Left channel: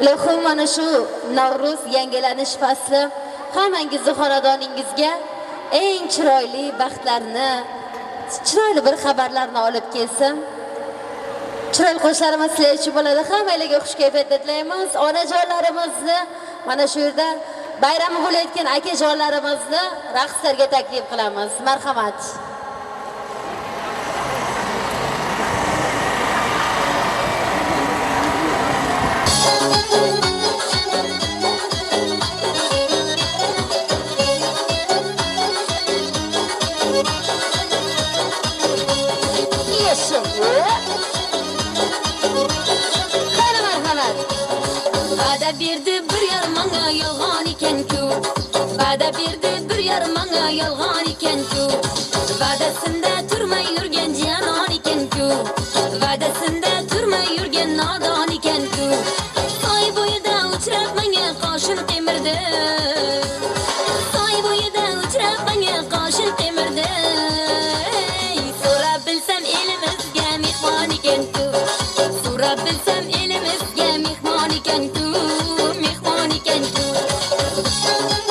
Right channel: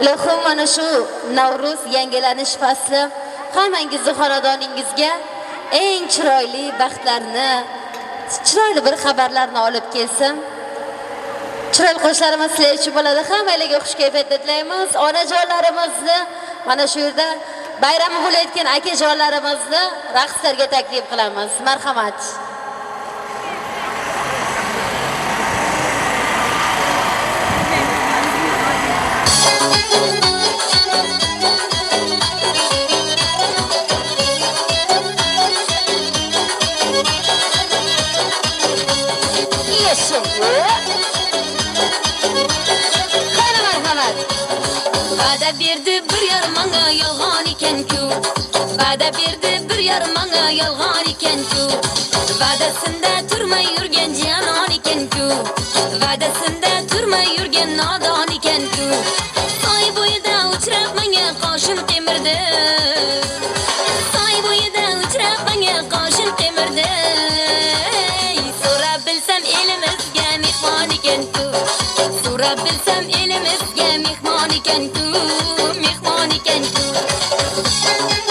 Ilohim mana shu Navro'z yangilanish fasli hammangizni xonadoningizga eng chiroyli baxtlarni, chiroyli bir xabarlarni olib kelsin. Chiroyli qo'shlarimiz sizlar uchun bo'ladi. Hammalarga xush kayfiyatda tilaymiz. Onajonlarimizni mana shu yerda bayrami bo'layotgan akajonlarimizni raqslarga taklif qilamiz. Marhamat. Va'da berdi bir yarim manga yolg'on ekan-ku. Va'da berdi bir yarim manga yolg'on ekan-ku. Va'dasinda turmay yurgan janon ekan-ku. Va'dasinda turmay yurgan nodon ekan-ku. Soy bo'yida uchrab menga qoshim temirdi.